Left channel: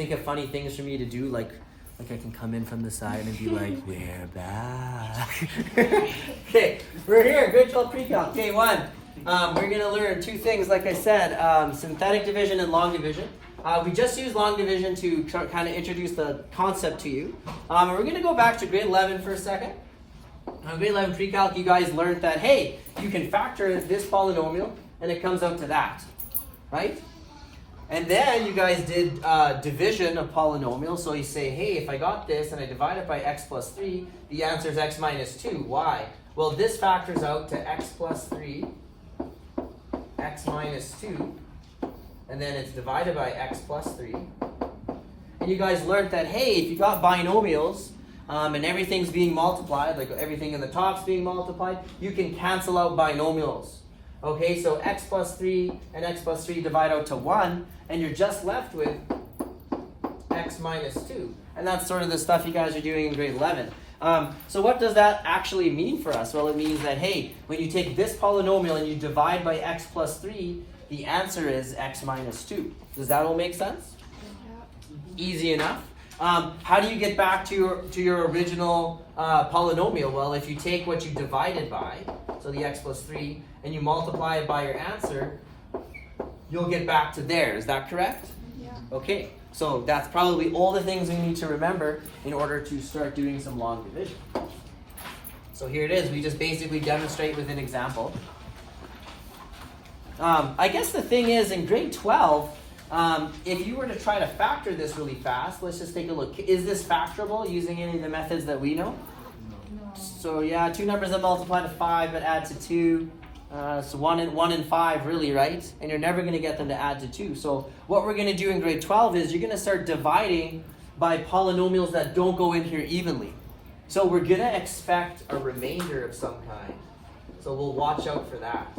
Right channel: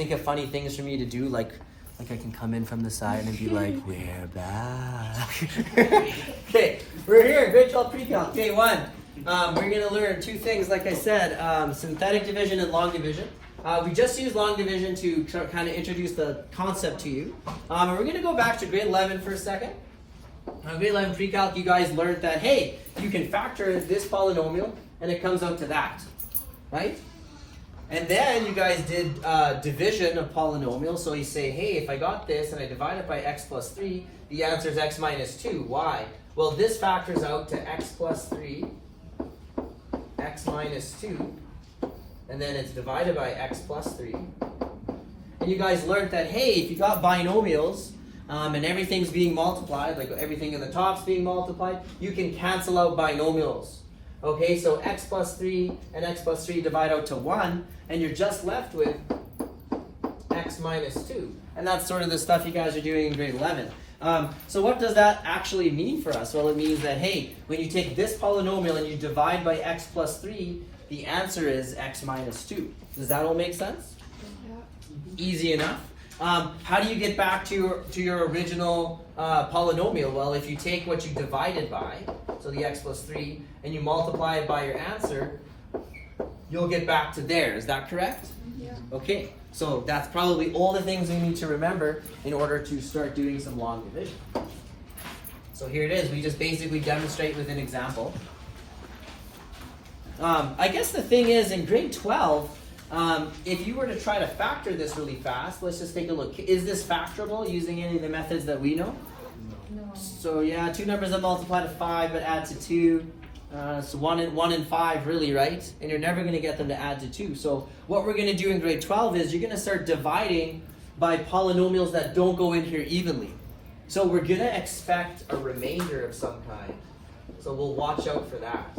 think of funny things for me to do, like I can come in from the side and be like, we're back. Okay, we're here, grade 12 pre-calc, day 1. We're going to learn 2 things, like I said, synthetic division and long division. We just used long division to kind of introduce the concept to you. We're going to go back to grade 11 for a second. Grade 11 pre-calc, you guys learned that, hey, you can factor this polynomial and it comes out to that, right? And then you guys did division of polynomials. So you say, hey, if I got this and I divide it by x plus 3, the answer is x minus 2. Why? Well, this factors out to x plus 3, x minus 2, and then it's divided by x plus 3. And you guys learned that, hey, if you got binomials and everything's being multiplied, like everything in the top's being multiplied, you can cancel out binomials. Okay, so x plus 3 and x plus 3 divide out to 1, and you're just left with x minus 2. And that's sort of the stuff you guys are doing in grade 11. So what does that actually mean for us? Well, it means that, hey, when you take this polynomial and you divide by x plus 3, the answer is x minus 2. Does that all make sense? Yeah. Easy enough. How do you get back to your original polynomial? Well, if you take what you divided by, so the x plus 3, and you multiply it by your answer, you'll get back to there. Is that correct? Yeah. Okay, so that's probably all the things we need to remember in order to start doing some long division. So here it is. We just basically demonstrate with an example. I guess the thing is, in grade 12, if you were to try to factor this really fast, let's just take a look. Is this factorable using any of the methods that we know? No. So yeah, 2 numbers that multiply to 5 but add to 2. So 1 and 5 really, right? And you're never going to get them to add to 2. So what we're going to do in grade 12 is you're going to start dividing by polynomials that don't go in here evenly. So we're going to expect a remainder of some kind. So we'll watch out for that.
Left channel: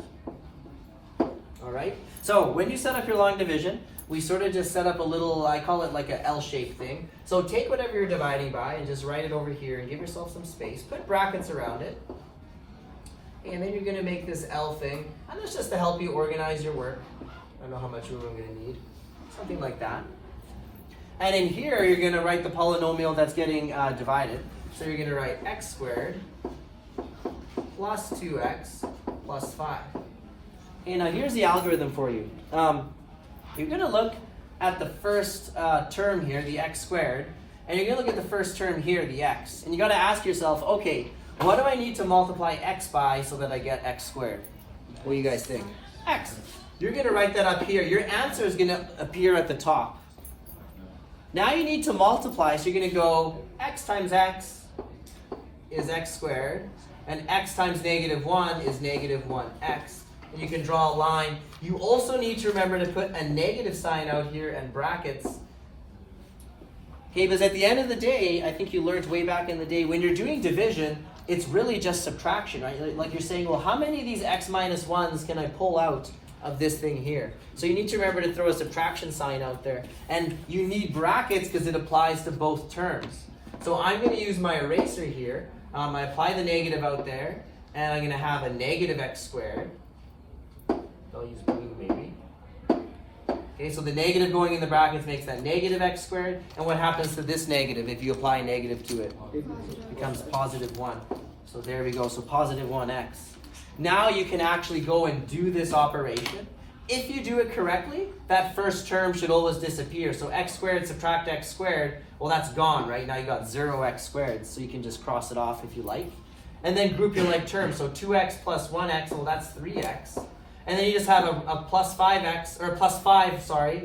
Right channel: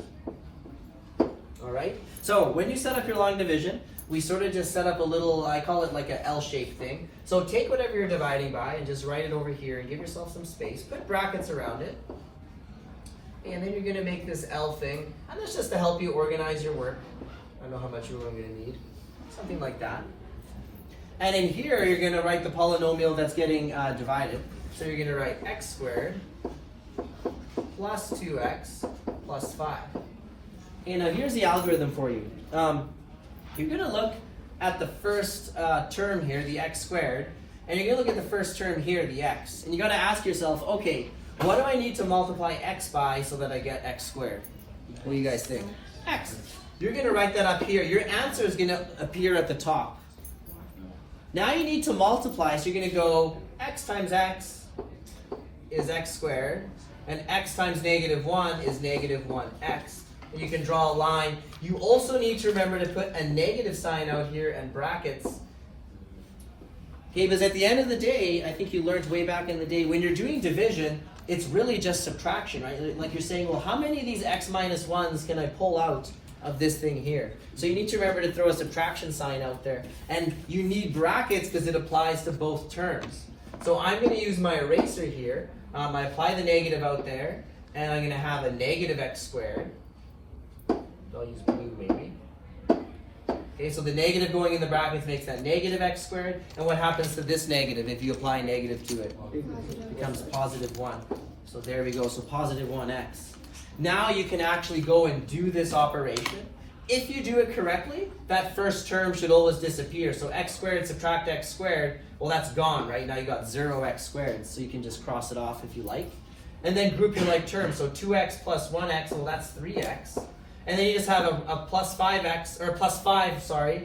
All right? So when you set up your long division, we sort of just set up a little, I call it like an L-shaped thing. So take whatever you're dividing by and just write it over here and give yourself some space. Put brackets around it. And then you're going to make this L thing. And that's just to help you organize your work. I don't know how much room I'm going to need. Something like that. And in here, you're going to write the polynomial that's getting divided. So you're going to write x squared plus 2x plus 5. Okay, now here's the algorithm for you. You're going to look at the first term here, the x squared, and you're going to look at the first term here, the x. And you got to ask yourself, okay, what do I need to multiply x by so that I get x squared? What do you guys think? X. You're going to write that up here. Your answer is going to appear at the top. Now you need to multiply, so you're going to go x times x is x squared, and x times negative 1 is negative 1x. And you can draw a line. You also need to remember to put a negative sign out here and brackets. Okay, because at the end of the day, I think you learned way back in the day, when you're doing division, it's really just subtraction, right? Like you're saying, well, how many of these x minus 1s can I pull out of this thing here? So you need to remember to throw a subtraction sign out there. And you need brackets because it applies to both terms. So I'm going to use my eraser here. I apply the negative out there, and I'm going to have a negative x squared. I'll use blue maybe. Okay, so the negative going in the brackets makes that negative x squared. And what happens to this negative if you apply a negative to it? It becomes positive 1. So there we go, so positive 1x. Now you can actually go and do this operation. If you do it correctly, that first term should always disappear. So x squared subtract x squared, well that's gone, right? Now you got 0x squared, so you can just cross it off if you like. And then group your like terms. So 2x plus 1x, well that's 3x. And then you just have a plus 5x, or plus 5, sorry,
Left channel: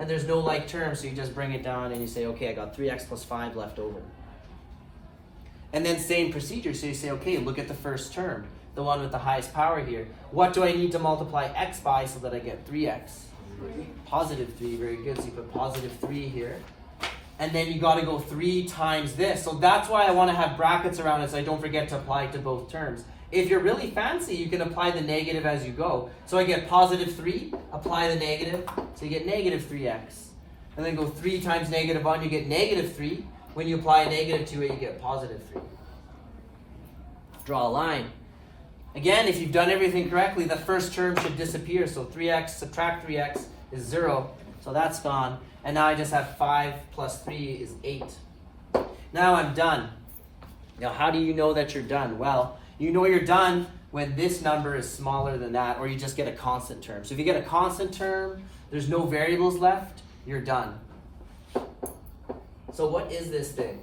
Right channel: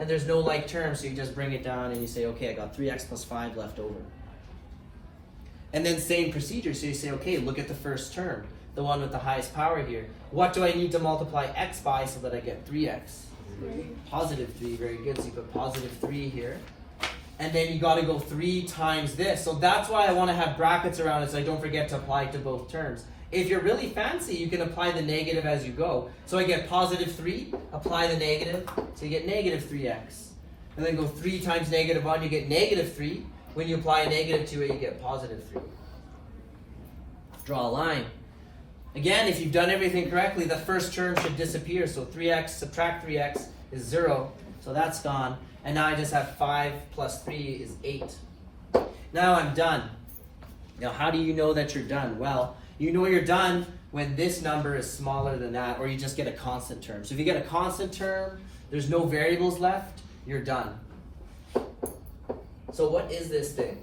and there's no like term, so you just bring it down and you say, okay, I got 3x plus 5 left over. And then same procedure, so you say, okay, look at the first term, the one with the highest power here. What do I need to multiply x by so that I get 3x? 3. Positive 3, very good, so you put positive 3 here. And then you got to go 3 times this. So that's why I want to have brackets around it so I don't forget to apply it to both terms. If you're really fancy, you can apply the negative as you go. So I get positive 3, apply the negative, so you get negative 3x. And then go 3 times negative 1, you get negative 3. When you apply a negative to it, you get positive 3. Draw a line. Again, if you've done everything correctly, the first term should disappear. So 3x subtract 3x is 0. So that's gone. And now I just have 5 plus 3 is 8. Now I'm done. Now how do you know that you're done? Well, you know you're done when this number is smaller than that, or you just get a constant term. So if you get a constant term, there's no variables left, you're done. So what is this thing?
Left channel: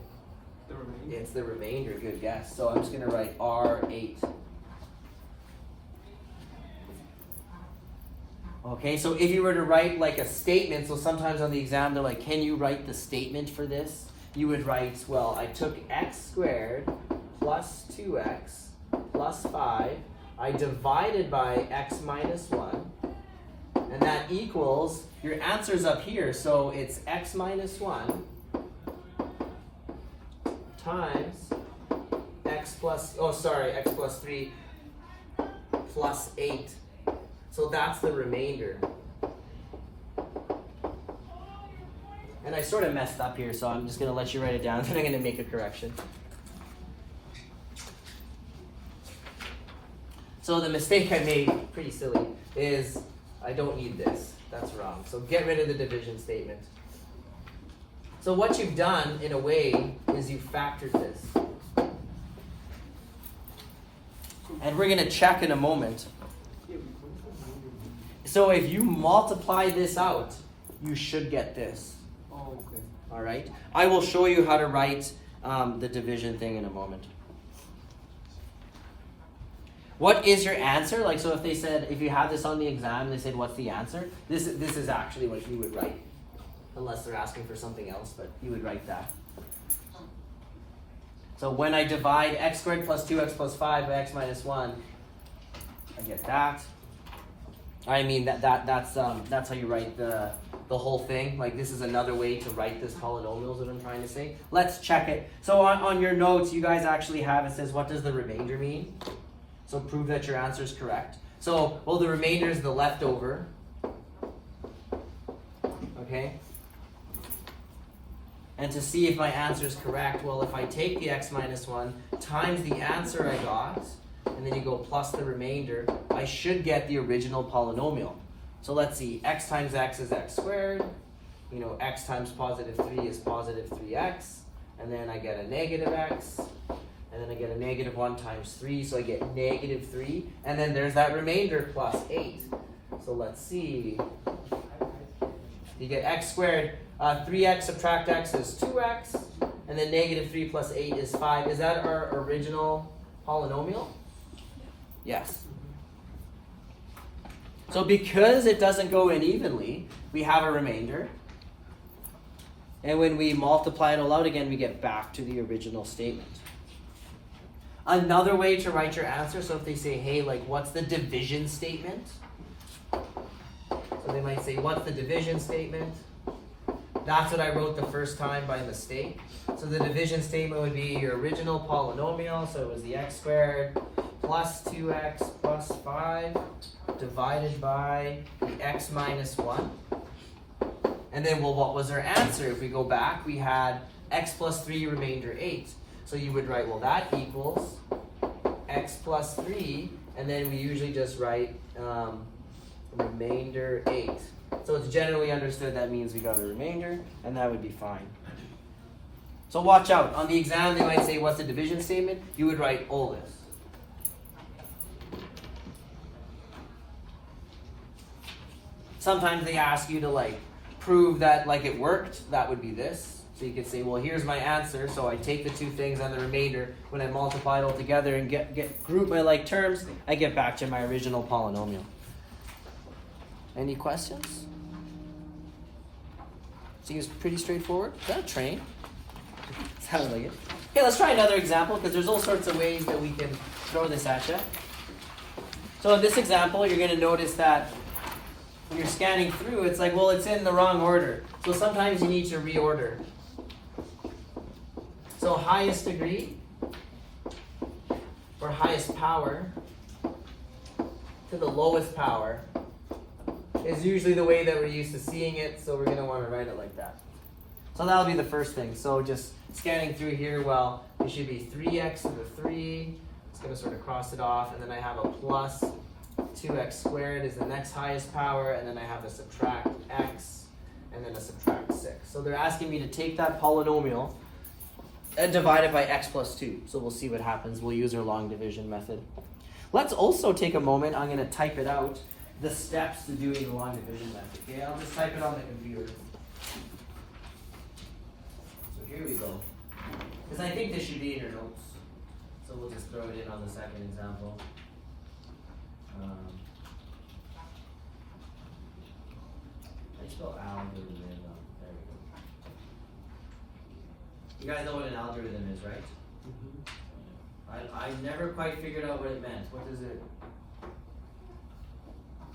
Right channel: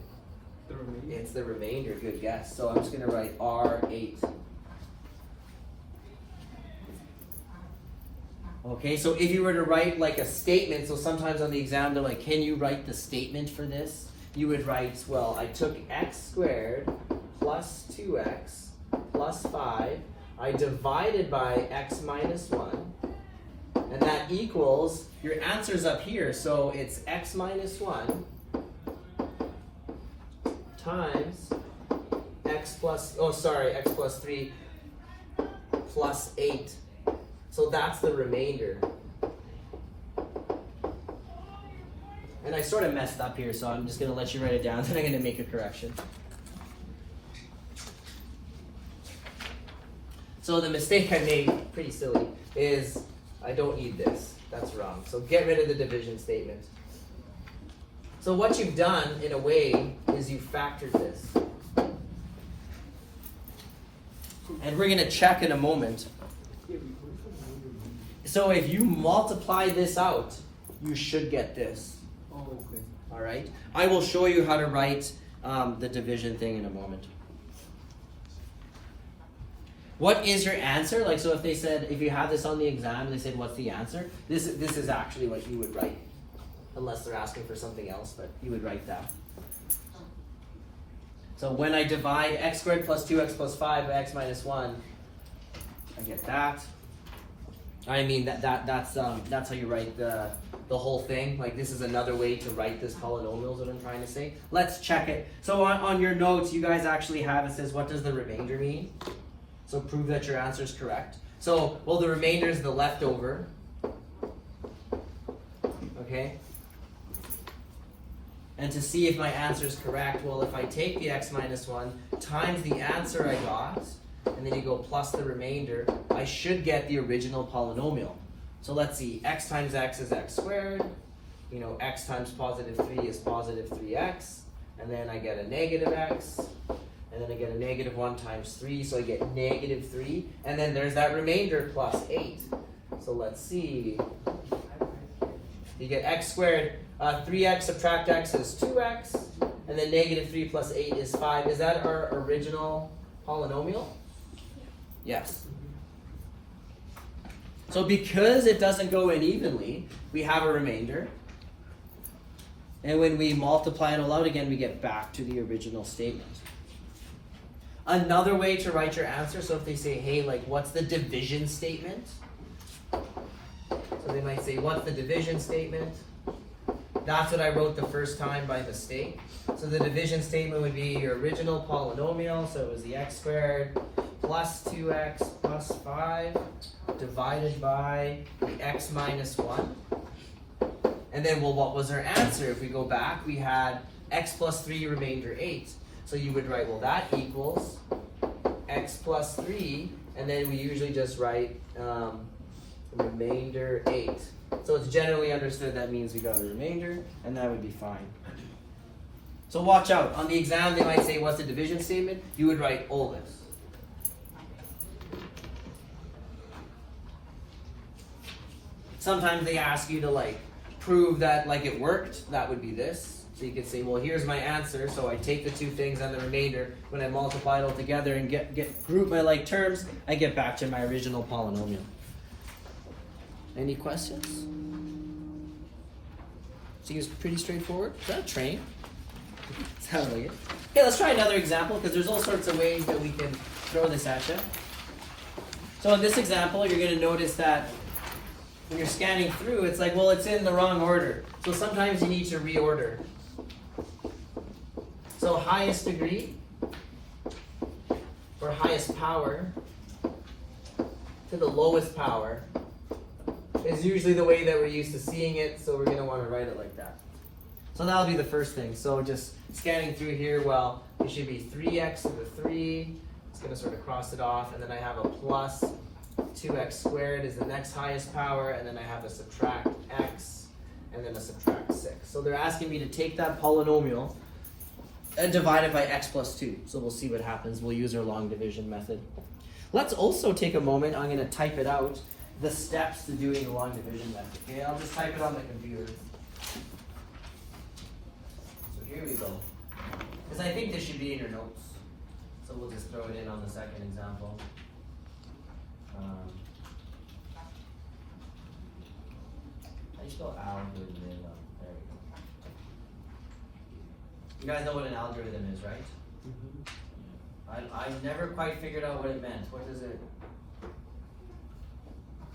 The remainder. It's the remainder, good guess. So I'm just going to write R8. Okay, so if you were to write like a statement, so sometimes on the exam they're like, can you write the statement for this? You would write, well, I took x squared plus 2x plus 5, I divided by x minus 1, and that equals, your answer's up here, so it's x minus 1 times x plus 3 plus 8. So that's the remainder. And I sort of messed up here, so I'm just going to let you write it down, then I'm going to make a correction. So the mistake I made, pretty silly, is I don't need this. That's wrong. So get rid of the division statement. So what you've done, in a way, is you factored this. And we're going to check in a moment. So if you multiply this out, you should get this. Oh, okay. All right? I will show you how to write the division thing in a moment. What is your answer? Like, so if they said, if you have this on the exam, they said, what's the answer? This is actually what you would write. Unless they're asking for something else, but you would write that. So when I divide x squared plus 2x plus 5 by x minus 1, I get that. I mean, that's how you write the whole thing. Like, this is another way to write this polynomials that I'm trying to say. Let's check it. So on your notes, you guys actually have, it says, what does the remainder mean? So prove that your answer is correct. So, well, the remainder is the leftover. Okay? And to see if my answer is correct, well, if I take the x minus 1 times the answer I got, and then you go plus the remainder, I should get the original polynomial. So let's see, x times x is x squared. You know, x times positive 3 is positive 3x. And then I get a negative x. And then I get a negative 1 times 3, so I get negative 3. And then there's that remainder plus 8. So let's see. You get x squared. 3x subtract x is 2x. And then negative 3 plus 8 is 5. Is that our original polynomial? Yes. So because it doesn't go in evenly, we have a remainder. And when we multiply it all out again, we get back to the original statement. Another way to write your answer, so if they say, hey, like, what's the division statement? So they might say, what's the division statement? That's what I wrote the first time by mistake. So the division statement would be your original polynomial, so it was the x squared plus 2x plus 5 divided by the x minus 1. And then, well, what was our answer? If we go back, we had x plus 3 remainder 8. So you would write, well, that equals x plus 3, and then we usually just write remainder 8. So it's generally understood that means we got a remainder, and that would be fine. So watch out. On the exam, they might say, what's the division statement? You would write all this. Sometimes they ask you to, like, prove that, like, it worked. That would be this. So you could say, well, here's my answer. So I take the two things and the remainder. When I multiply it all together and group my like terms, I get back to my original polynomial. Any questions? Seems pretty straightforward. Is that a train? Sounds like it. Okay, let's try another example, because there's all sorts of ways that we can throw this at you. So in this example, you're going to notice that when you're scanning through, it's like, well, it's in the wrong order. So sometimes you need to reorder. So highest degree, or highest power, to the lowest power, is usually the way that we're used to seeing it, so we're going to want to write it like that. So that'll be the first thing. So just scanning through here, well, it should be 3x to the 3. It's going to sort of cross it off, and then I have a plus 2x squared is the next highest power, and then I have a subtract x, and then a subtract 6. So they're asking me to take that polynomial and divide it by x plus 2. So we'll see what happens. We'll use our long division method. Let's also take a moment. I'm going to type it out, the steps to doing the long division method. Okay, I'll just type it on the computer. So here we go. Because I think this should be in your notes. So we'll just throw it in on the second example. I spell algorithm. There we go. You guys know what an algorithm is, right? I've never quite figured out what it meant. What is it?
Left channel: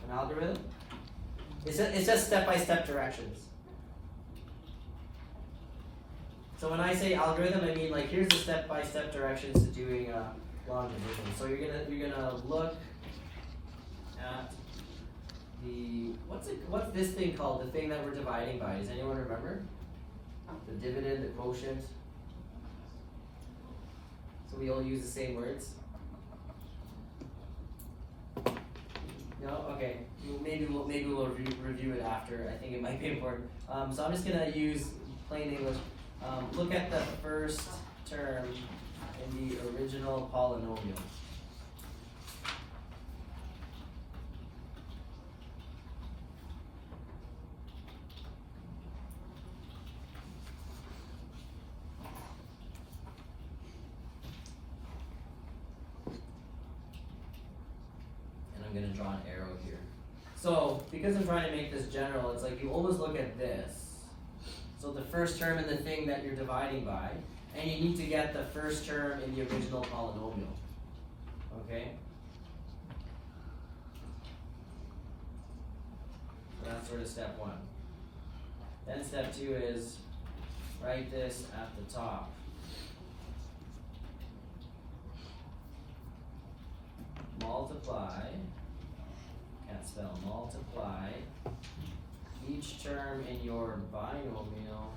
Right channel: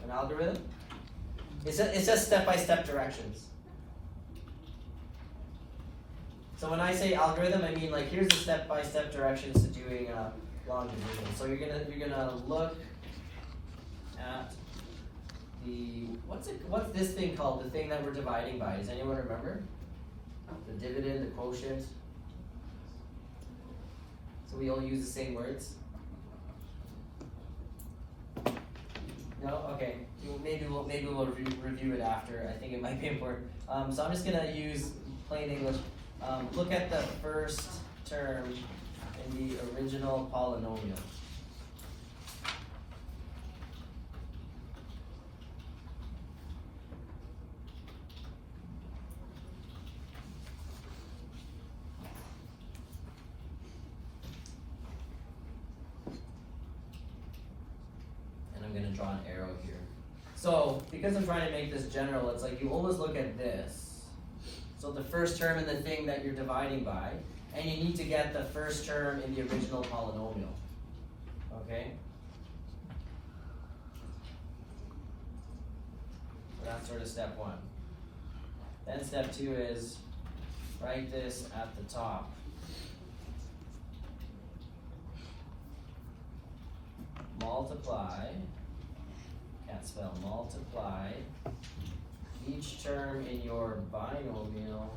An algorithm? It's just step-by-step directions. So when I say algorithm, I mean like here's the step-by-step directions to doing long division. So you're gonna look at the what's this thing called? The thing that we're dividing by. Does anyone remember? The dividend, the quotient. So we all use the same words. No? Okay. Maybe we'll review it after. I think it might be important. So I'm just gonna use plain English. Look at the first term in the original polynomial. And I'm going to draw an arrow here. So, because I'm trying to make this general, it's like you always look at this. So the first term in the thing that you're dividing by, and you need to get the first term in the original polynomial. Okay? That's sort of step 1. Then step 2 is write this at the top. Multiply, can't spell, multiply each term in your binomial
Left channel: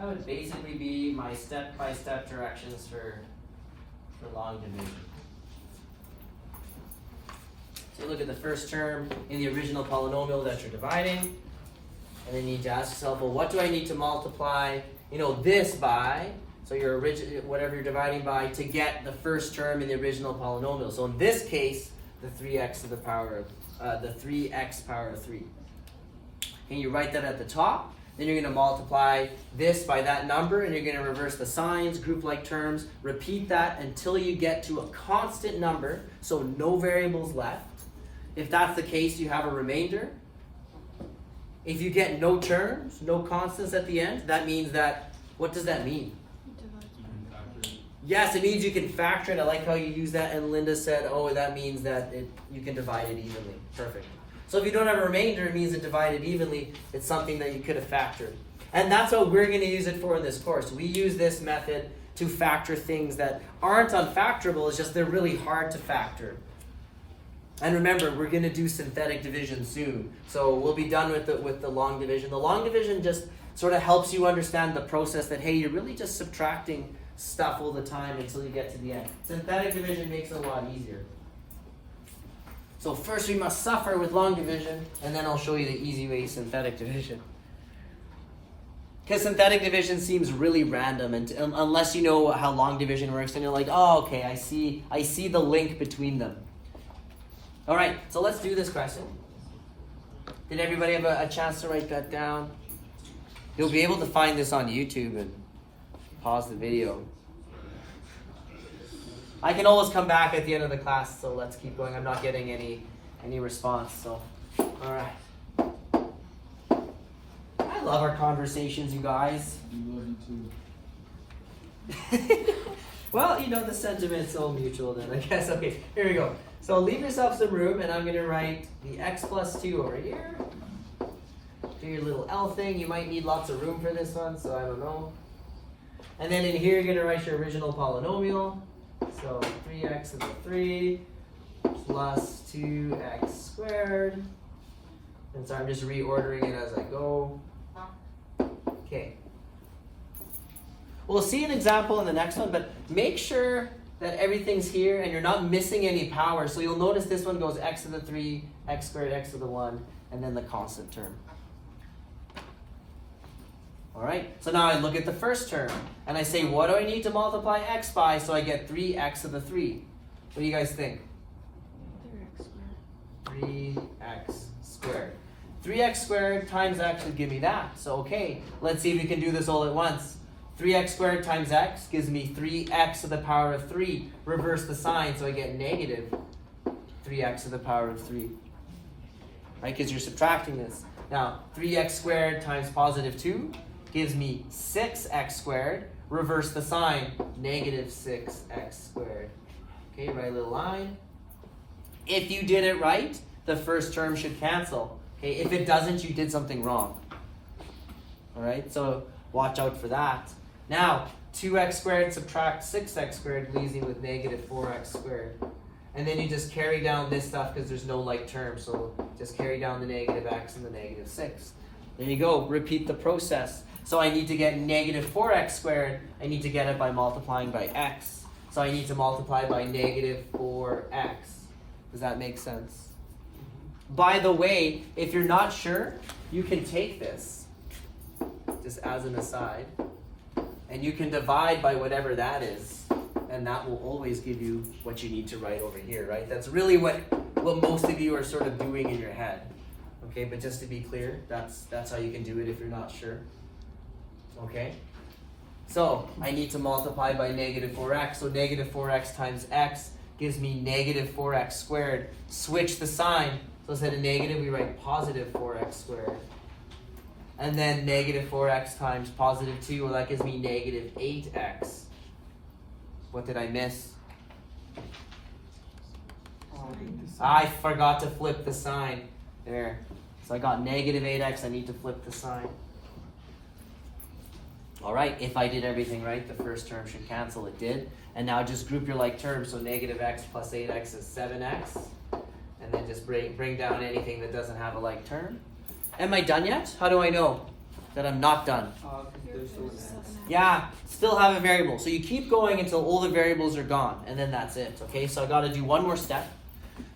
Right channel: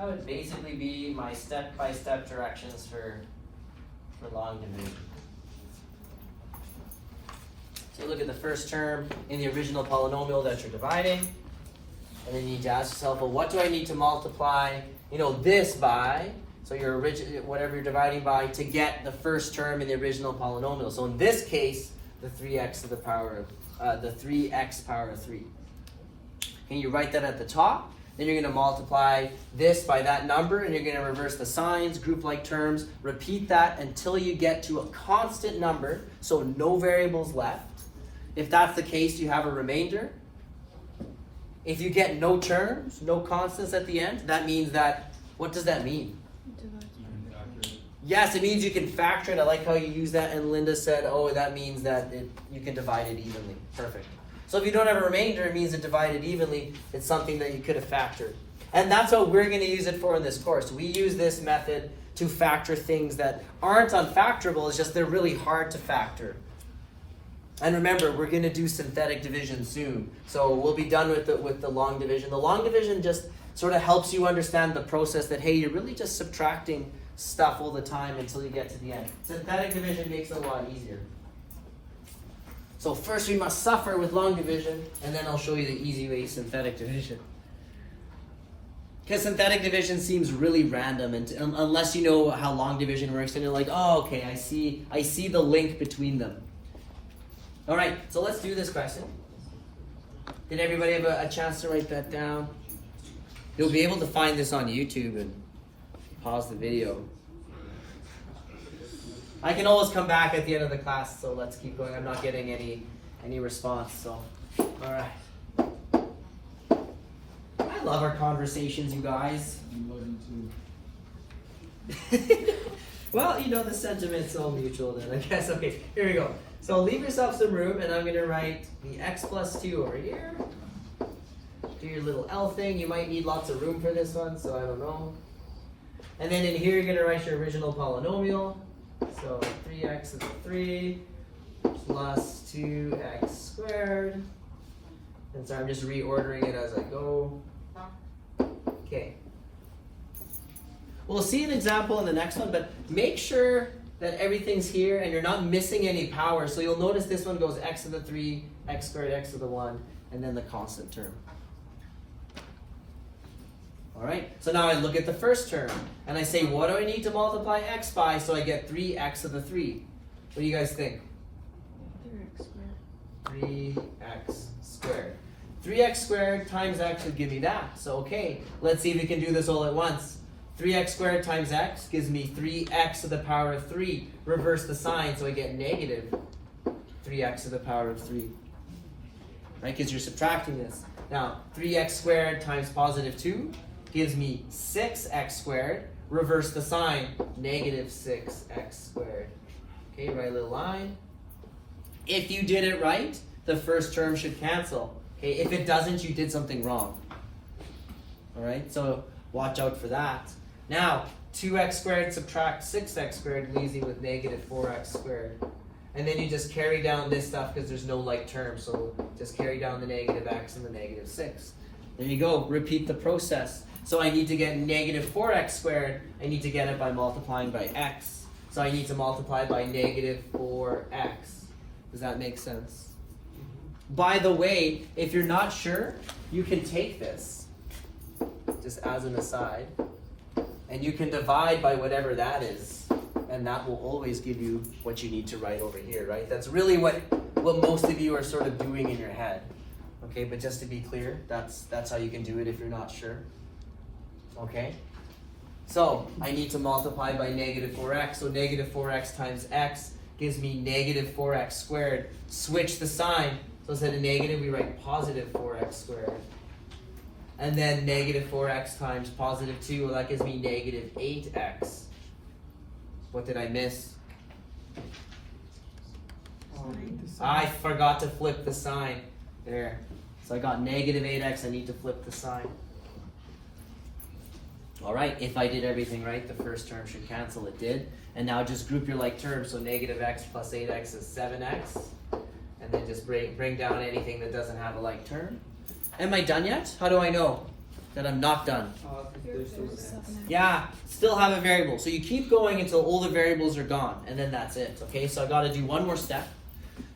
that would basically be my step-by-step directions for long division. So look at the first term in the original polynomial that you're dividing, and then you need to ask yourself, well, what do I need to multiply, this by, so your whatever you're dividing by, to get the first term in the original polynomial. So in this case, the 3x to the power of, the 3x power of 3. And you write that at the top. Then you're going to multiply this by that number, and you're going to reverse the signs, group-like terms. Repeat that until you get to a constant number, so no variables left. If that's the case, you have a remainder. If you get no terms, no constants at the end, that means that, what does that mean? Yes, it means you can factor it. I like how you use that, and Linda said, oh, that means that you can divide it evenly. Perfect. So if you don't have a remainder, it means it divided evenly. It's something that you could have factored. And that's what we're going to use it for in this course. We use this method to factor things that aren't unfactorable. It's just they're really hard to factor. And remember, we're going to do synthetic division soon. So we'll be done with the long division. The long division just sort of helps you understand the process that, hey, you're really just subtracting stuff all the time until you get to the end. Synthetic division makes it a lot easier. So first we must suffer with long division, and then I'll show you the easy way to synthetic division. Because synthetic division seems really random, and unless you know how long division works, then you're like, oh, okay, I see the link between them. All right, so let's do this question. Did everybody have a chance to write that down? You'll be able to find this on YouTube and pause the video. I can always come back at the end of the class, so let's keep going. I'm not getting any response, so all right. I love our conversations, you guys. Well, the sentiment's all mutual then, I guess. Okay, here we go. So leave yourself some room, and I'm going to write the x plus 2 over here. Do your little L thing. You might need lots of room for this one, so I don't know. And then in here, you're going to write your original polynomial. So 3x is a 3 plus 2x squared. And so I'm just reordering it as I go. Okay. We'll see an example in the next one, but make sure that everything's here and you're not missing any power. So you'll notice this one goes x to the 3, x squared, x to the 1, and then the constant term. All right, so now I look at the first term and I say, what do I need to multiply x by so I get 3x to the 3? What do you guys think? 3x squared. 3x squared times x would give me that. So okay, let's see if we can do this all at once. 3x squared times x gives me 3x to the power of 3. Reverse the sign so I get negative 3x to the power of 3. Right, because you're subtracting this. Now, 3x squared times positive 2 gives me 6x squared. Reverse the sign, negative 6x squared. Okay, write a little line. If you did it right, the first term should cancel. Okay, if it doesn't, you did something wrong. All right, so watch out for that. Now, 2x squared subtract 6x squared leaves me with negative 4x squared. And then you just carry down this stuff because there's no like term, so just carry down the negative x and the negative 6. There you go, repeat the process. So I need to get negative 4x squared, I need to get it by multiplying by x. So I need to multiply by negative 4x. Does that make sense? By the way, if you're not sure, you can take this, just as an aside, and you can divide by whatever that is, and that will always give you what you need to write over here, right? That's really what most of you are sort of doing in your head. Okay, but just to be clear, that's how you can do it if you're not sure. Okay? So, I need to multiply by negative 4x, so negative 4x times x gives me negative 4x squared. Switch the sign, so instead of negative, we write positive 4x squared. And then negative 4x times positive 2, well, that gives me negative 8x. What did I miss? I forgot to flip the sign. There. So I got negative 8x, I need to flip the sign. All right, if I did everything right, the first term should cancel. It did. And now just group your like terms. So negative x plus 8x is 7x. And then just bring down anything that doesn't have a like term. Am I done yet? How do I know that I'm not done? Yeah, still have a variable. So you keep going until all the variables are gone, and then that's it. Okay, so I got to do one more step.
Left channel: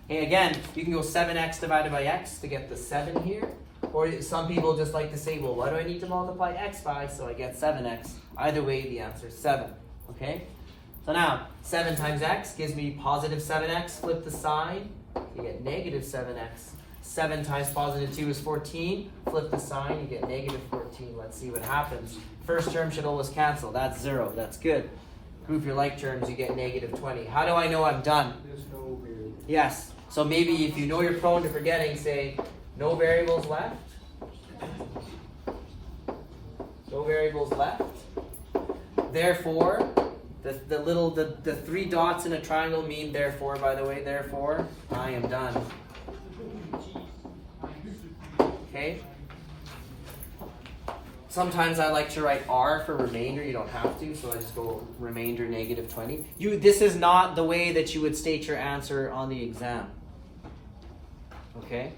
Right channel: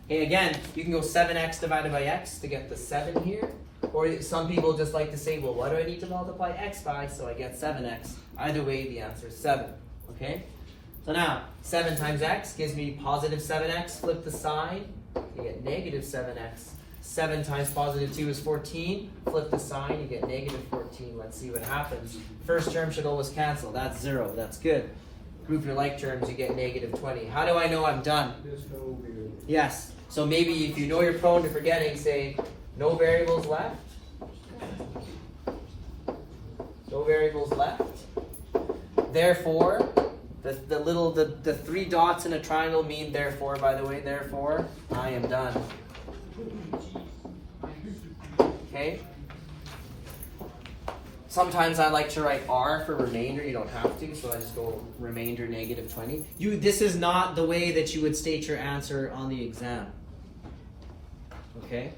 Okay, again, you can go 7x divided by x to get the 7 here. Or some people just like to say, well, what do I need to multiply x by so I get 7x? Either way, the answer is 7. Okay? So now, 7 times x gives me positive 7x. Flip the sign, you get negative 7x. 7 times positive 2 is 14. Flip the sign, you get negative 14. Let's see what happens. First term should always cancel. That's 0. That's good. Group your like terms, you get negative 20. How do I know I'm done? Yes. So maybe if you know you're prone to forgetting, say, no variables left. No variables left. Therefore, the 3 dots in a triangle mean therefore, by the way, therefore, I am done. Okay? Sometimes I like to write R for remainder. You don't have to, so I just go remainder negative 20. This is not the way that you would state your answer on the exam. Okay?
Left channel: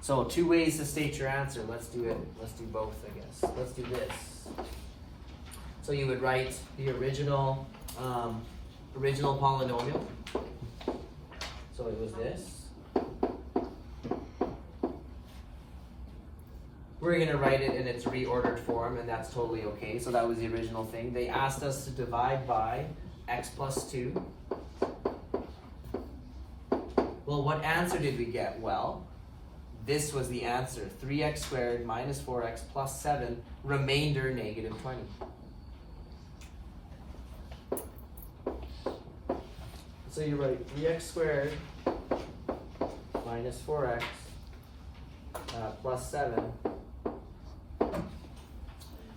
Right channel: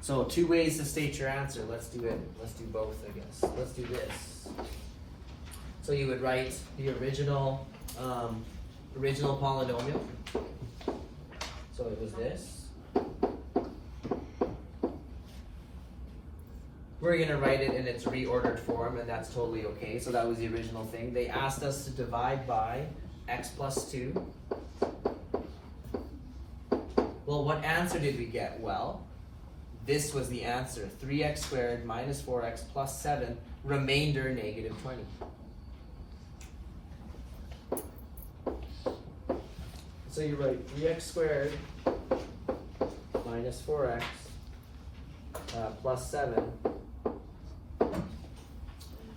So 2 ways to state your answer. Let's do it. Let's do both, I guess. Let's do this. So you would write the original polynomial. So it was this. We're going to write it in its reordered form, and that's totally okay. So that was the original thing. They asked us to divide by x plus 2. Well, what answer did we get? Well, this was the answer. 3x squared minus 4x plus 7, remainder negative 20. So you write 3x squared minus 4x plus 7.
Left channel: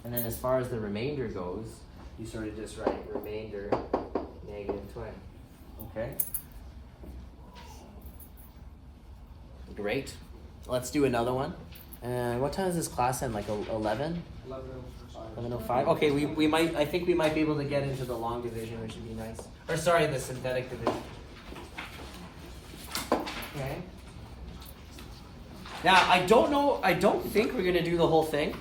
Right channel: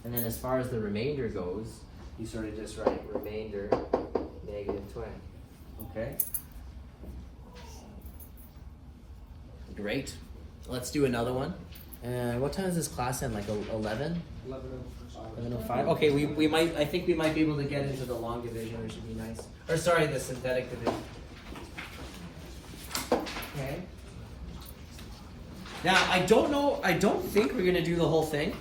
And then as far as the remainder goes, you sort of just write remainder negative 20. Okay. Great. Let's do another one. What time is this class end? Like 11? 11:05. Okay, we might. I think we might be able to get into the long division, which would be nice. Or sorry, the synthetic division. Okay. Now I don't know. I don't think we're gonna do the whole thing.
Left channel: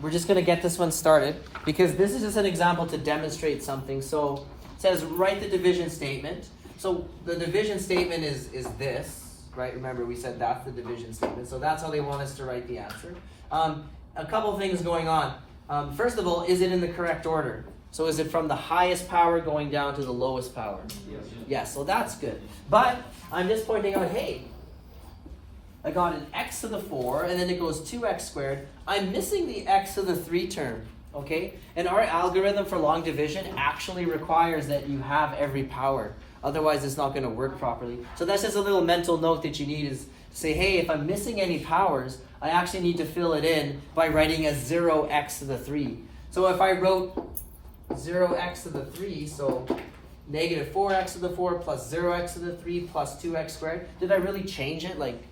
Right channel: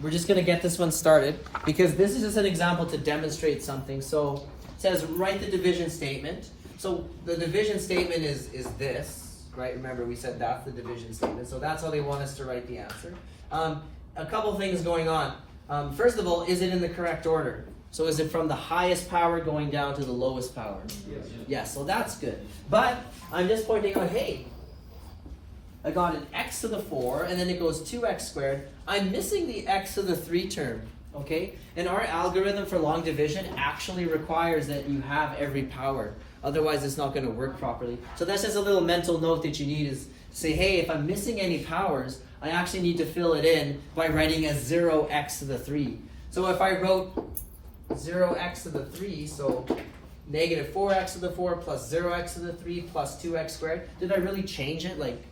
We're just gonna get this one started because this is just an example to demonstrate something. So it says write the division statement. So the division statement is this, right? Remember we said that's the division statement. So that's how they want us to write the answer. A couple things going on. First of all, is it in the correct order? So is it from the highest power going down to the lowest power? Yes. Yes, so that's good. But I'm just pointing out, hey, I got an x to the 4, and then it goes 2x squared. I'm missing the x to the 3 term, okay? And our algorithm for long division actually requires that you have every power. Otherwise, it's not going to work properly. So that's just a little mental note that you need is say, hey, if I'm missing any powers, I actually need to fill it in by writing as 0x to the 3. So if I wrote 0x to the 3, so negative 4x to the 4 plus 0x to the 3 plus 2x squared, did I really change it? Like,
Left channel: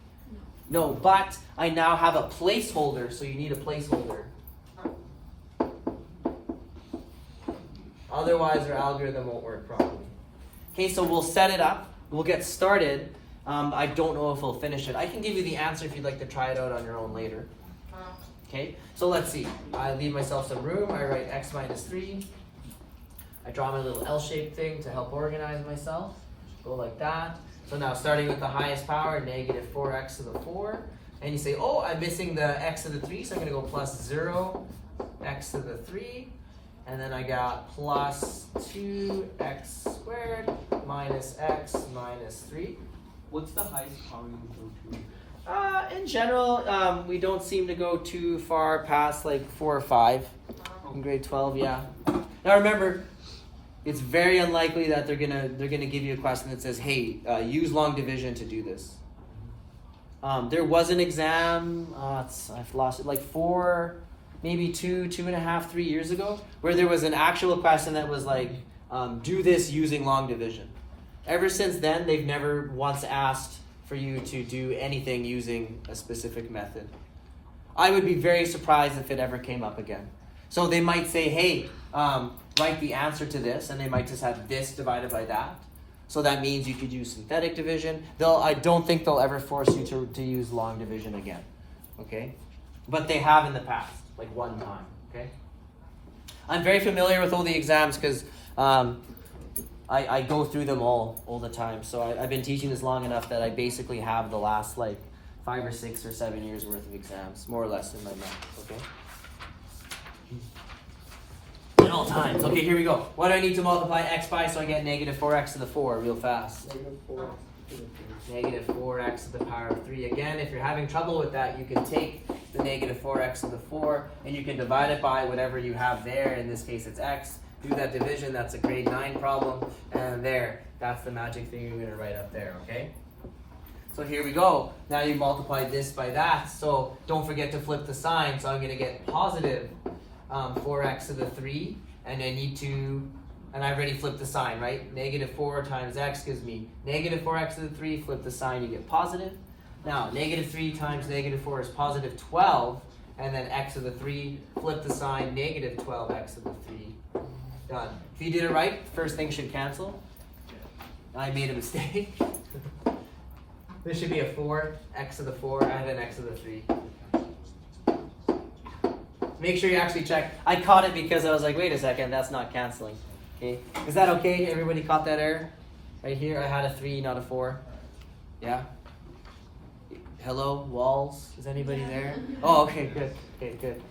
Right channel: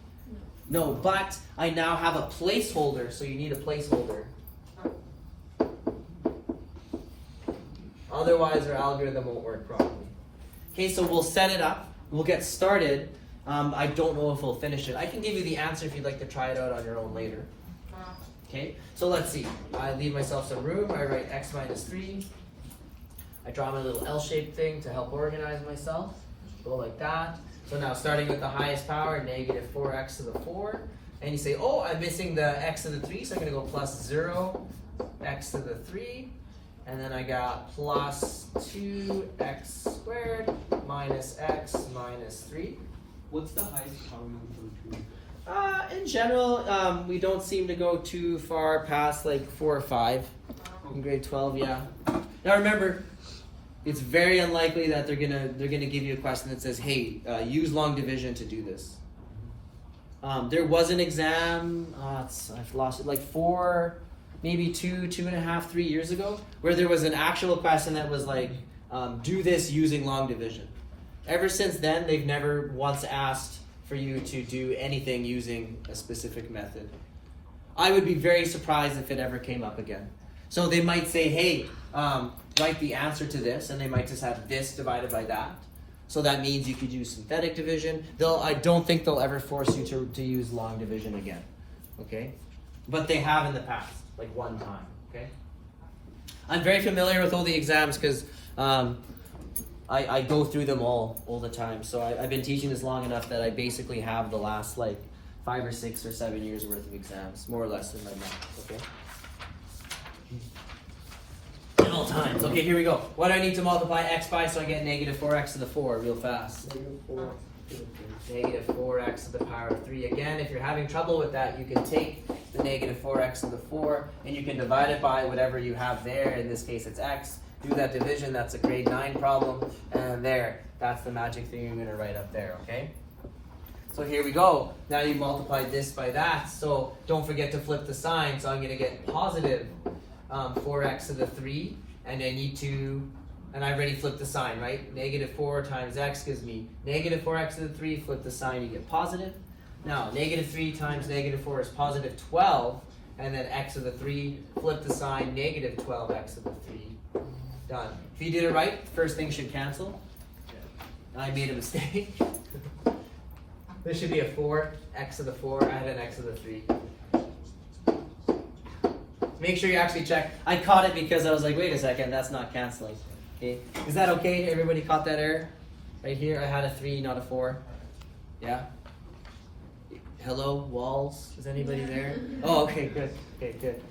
no, but I now have a placeholder, so you need a placeholder. Otherwise, our algorithm won't work properly. Okay, so we'll set it up. We'll get started. I don't know if we'll finish it. I can give you the answer if you'd like to try it out on your own later. Okay, so let's see. I leave myself some room. I write x minus 3. I draw my little L-shaped thing to help organize myself. Go like that. So now starting with the highest power, negative 4x to the 4. And you say, oh, I'm missing the x to the 3, so I'm going to go plus 0 x to the 3. And then I got plus 2x squared minus x minus 3. What's the highest power you go to? In general, we don't seem to go too far past like 4 or 5 in grade 12, yeah. Now remember, it's very unlikely that they're gonna give you a question that says, hey, use long division to do this. There was an exam, I've lost it, like 4, maybe 2.5, 3 years ago, where there was an actual question that was like, do this using long division. Ever since then, they've never once asked for you to do anything using a specific method. I would be very surprised if it ever came up again. So they might say, hey, write the answer to this, and they might just have this divided by that. So that means you could use synthetic division. I don't think they'll ever force you to use long division again, okay? But they have in the past, like one time, okay? I'm very familiar with all the exams because I go through them all the time. So I've been teaching this long enough that I basically have the last like 5 or 6 or 7 years worth of exams, more or less in my math, okay? At all times. Okay, here we go. What do I need to multiply x by so I get negative 4x to the 4 real fast? Negative 4 to the 3. Negative 4x to the power of 3. Again, if you're having trouble with that, you can take the negative 4x to the 4 and you can divide it by whatever you have there. In this case, it's x. Do that division. That's a grade 9 problem. And there, that's the magic thing you're going to write up there, okay? So here we go. Now you multiply this by that. So don't forget to flip the sign. So I'm going to get positive 4x to the 3. And I need to, and I already flipped the sign, right? Negative 4 times x gives me negative 4x to the 3. Flip the sign, you get positive. Now, negative 3 times negative 4 is positive 12. And then x to the 3, flip the sign, negative 12x to the 3. Done. If you did it right, first thing should cancel. I made a mistake. This should be a 4, x to the 4. I have an x to the 3. Make sure you actually check. I caught it because I was like, wait a second, that's not canceling. Okay, is that okay? Everybody caught that error? Right here, I had a 3, not a 4. Yeah? Hello, walls? Is anybody there? Oh, okay, good. Okay, good.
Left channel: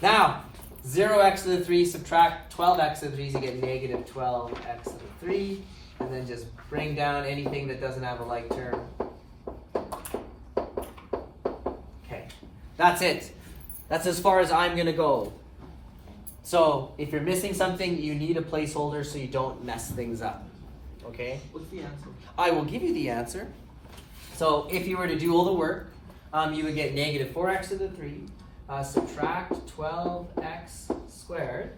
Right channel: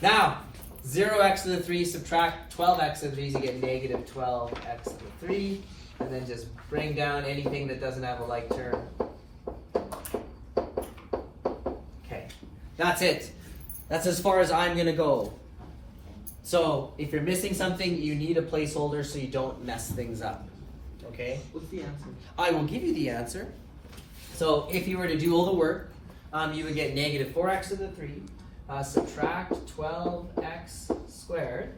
Now, 0x to the 3, subtract 12x to the 3, so you get negative 12x to the 3. And then just bring down anything that doesn't have a like term. Okay, that's it. That's as far as I'm going to go. So, if you're missing something, you need a placeholder so you don't mess things up. Okay? What's the answer? I will give you the answer. So, if you were to do all the work, you would get negative 4x to the 3, subtract 12x squared,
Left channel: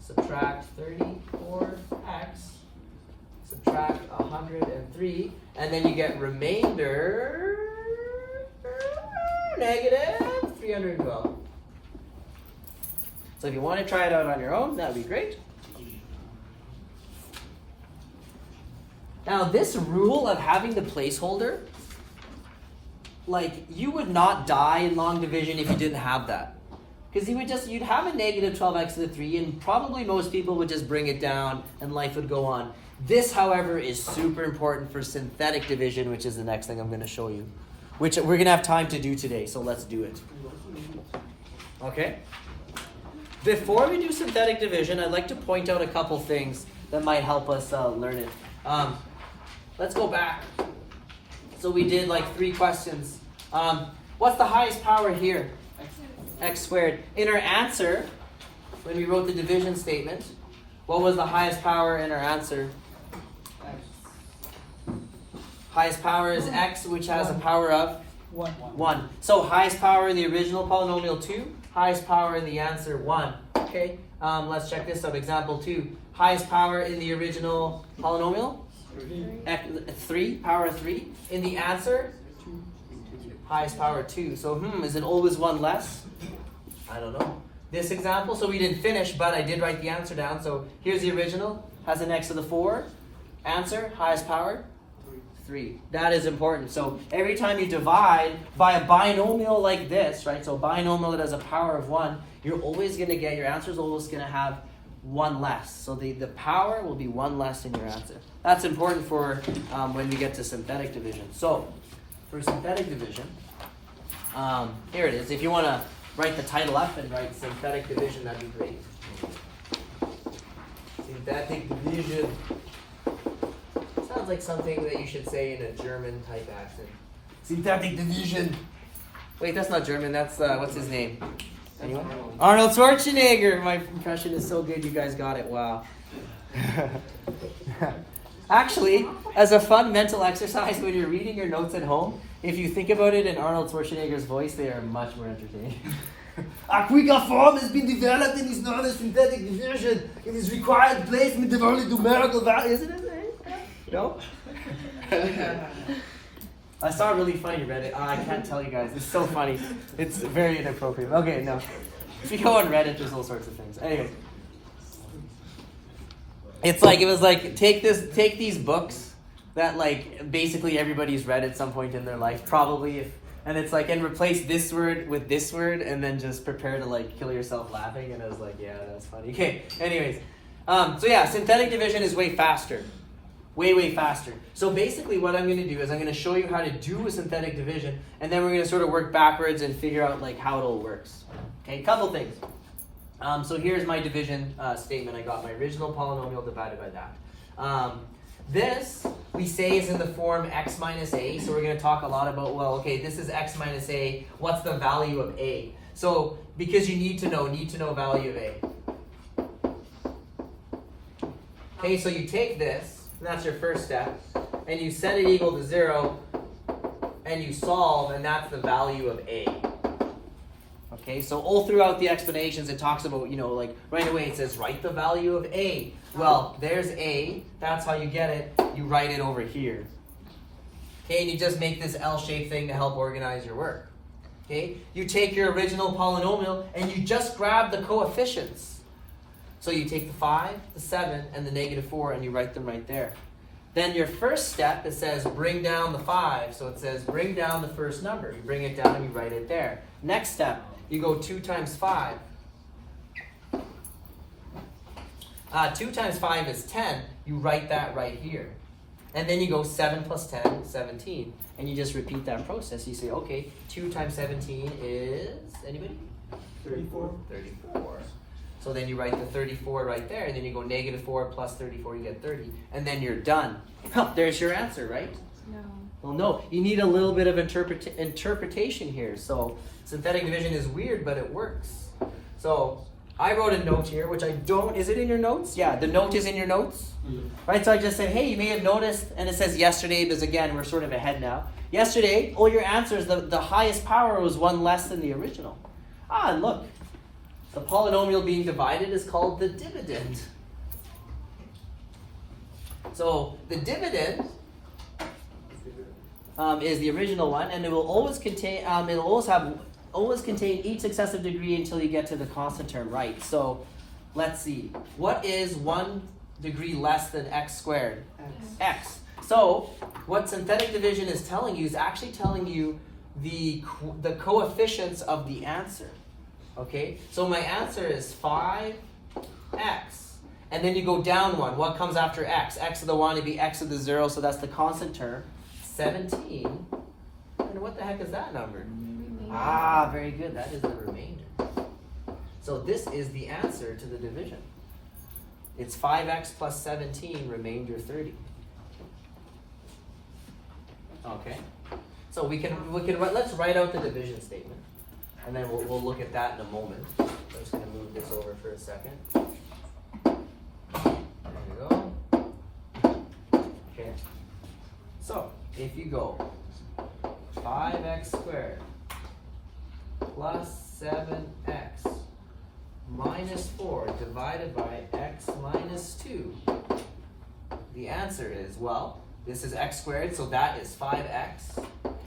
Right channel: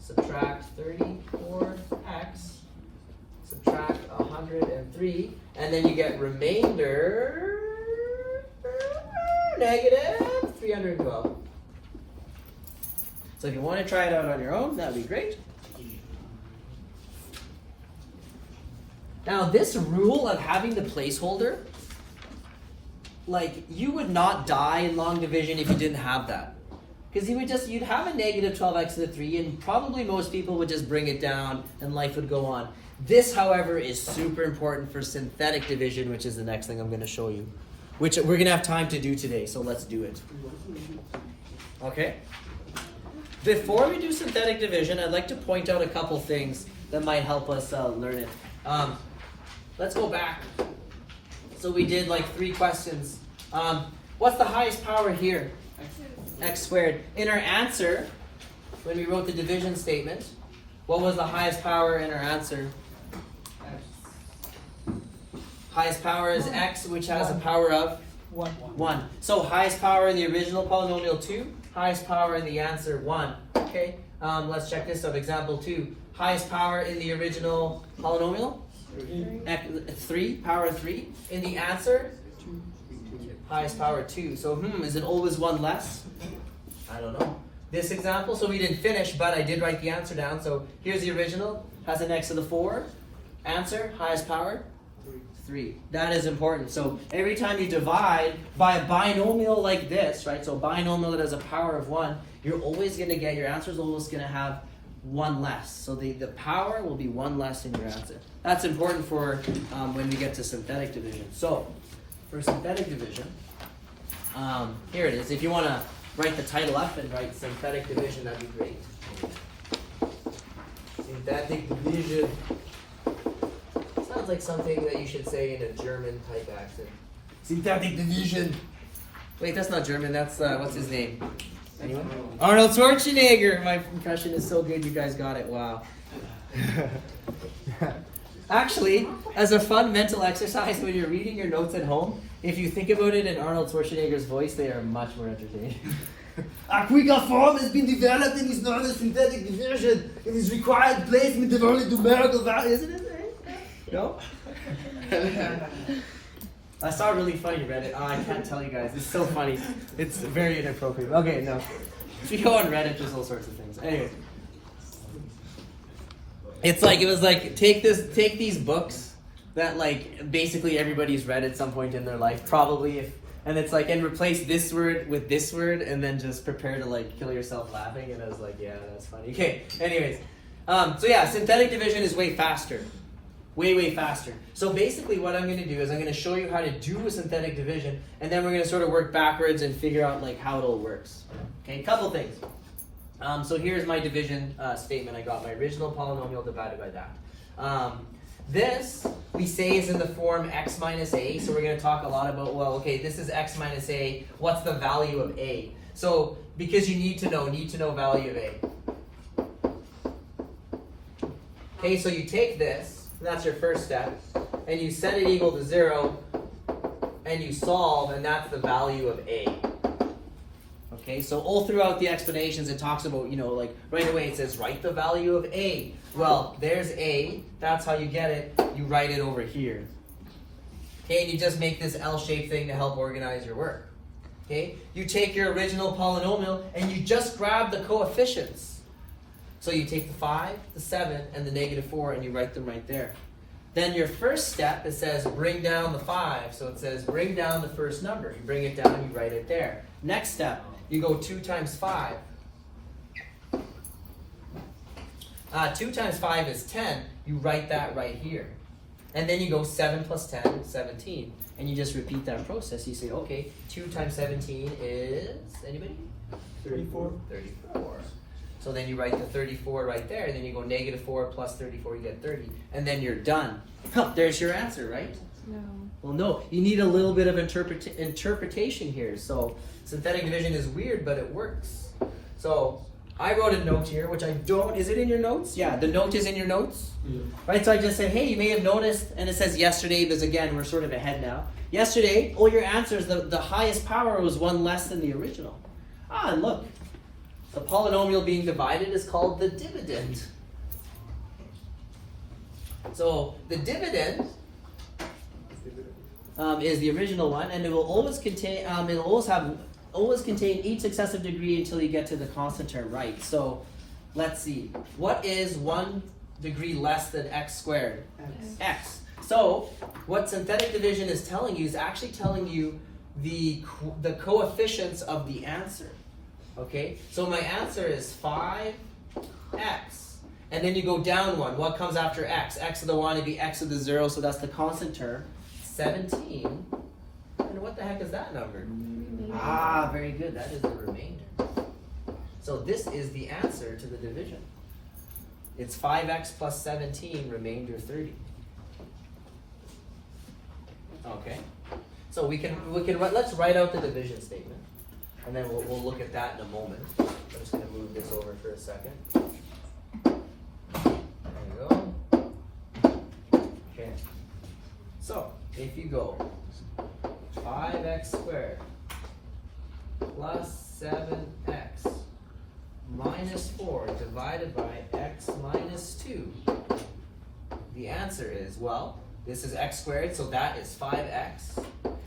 subtract 34x, subtract 103, and then you get remainder negative 312. So if you want to try it out on your own, that would be great. Now this rule of having the placeholder, like you would not die in long division if you didn't have that. Because you'd have a negative 12x to the 3 and probably most people would just bring it down and life would go on. This, however, is super important for synthetic division, which is the next thing I'm going to show you. Which we're going to have time to do today, so let's do it. Okay? Before we do synthetic division, I'd like to point out a couple things that might help us learn it. Let's go back. So we did like 3 questions. What's the highest power here? X squared. In our answer, when we wrote the division statement, what was the highest power in our answer? Highest power is x, which has a power of 1. So highest power in the original polynomial 2, highest power in the answer 1. Okay, let's check this out. Example 2. Highest power in the original polynomial? 3, power 3. In the answer? Highest power 2. So is it always 1 less? I don't know. This example, so we didn't finish, but I did write the answer down. So here's the original, has an x to the 4. Answer, highest power? 3. That is important. So every time you divide by a binomial like this, right? So a binomial that has a power of 1, you're always going to get, your answer is always going to have 1 less. So the power will be 1 less in your answer. That's important for when we get to synthetic division. So for synthetic division, here it is. If you want to write the title up and write synthetic division, that'd be great. Synthetic division. Sounds like something that you should say in a German type accent. Synthetic division. Wait, that's not German. That's what's his name? Anyone? Arnold Schwarzenegger. My impression is so good. You guys got it. Wow. Actually, as a fun mental exercise when you're reading your notes at home, if you think about it in Arnold Schwarzenegger's voice, they are much more entertaining. A quicker form has been developed and is known as synthetic division. It is required placement of only numerical values. Isn't it right? No? I saw a really funny Reddit. I can't tell you guys. It's so funny. It's very inappropriate. Okay, no. If you go on Reddit, there's all sorts of things. Anyway. It was like, take these books that like basically everybody's read at some point in their life, probably, and it's like, and replace this word with this word, and then just prepare to like kill yourself laughing. And I was like, yeah, that's funny. Okay, anyways, so yeah, synthetic division is way faster, way faster. So basically, what I'm going to do is I'm going to show you how to do a synthetic division, and then we're going to sort of work backwards and figure out like how it all works. Okay, a couple things. So here's my division statement. I got my original polynomial divided by that. This, we say, is in the form x minus a. So we're going to talk a lot about, well, okay, this is x minus a. What's the value of a? So because you need to know value of a. Okay, so you take this, and that's your first step, and you set it equal to 0, and you solve, and that's the value of a. Okay, so all throughout the explanations it talks about, like right away it says write the value of a. Well, there's a, that's how you get it, you write it over here. Okay, and you just make this L-shaped thing to help organize your work. Okay, you take your original polynomial and you just grab the coefficients. So you take the 5, the 7, and the negative 4 and you write them right there. Then your first step, it says bring down the 5. So it says bring down the first number. You bring it down and you write it there. Next step, you go 2 times 5. 2 times 5 is 10. You write that right here. And then you go 7 plus 10, 17. And you just repeat that process. You say, okay, 2 times 17 is, anybody? 34. 34. So then you write the 34 right there, and then you go negative 4 plus 34, you get 30. And then you're done. There's your answer, right? No. Well, no, you need a little bit of interpretation here. So synthetic division is weird, but it works. So I wrote a note here, which I don't, is it in your notes? Yeah, the note is in your notes. Yeah. Right, so I just say, hey, you may have noticed, and it says yesterday, because again, we're sort of ahead now. Yesterday, all your answers, the highest power was 1 less than the original. Ah, and look, the polynomial being divided is called the dividend. So the dividend is the original one, and it will always contain always contain each successive degree until you get to the constant term, right? So let's see, what is 1 degree less than x squared? X. So what synthetic division is telling you is actually telling you the coefficients of the answer. Okay, so my answer is 5x, and then you go down one. What comes after x? X of the 1 would be x of the 0, so that's the constant term. 17. And what the heck is that number? Ah, very good. That is the remainder. So this is the answer to the division. It's 5x plus 17, remainder 30. Okay. So we can let's write out the division statement, and then we'll look at that in a moment. I'm just going to move this over for a second. There we go. Okay. So if you go 5x squared plus 7x minus 4 divided by x minus 2, the answer is, well, this is x squared, so that is 5x.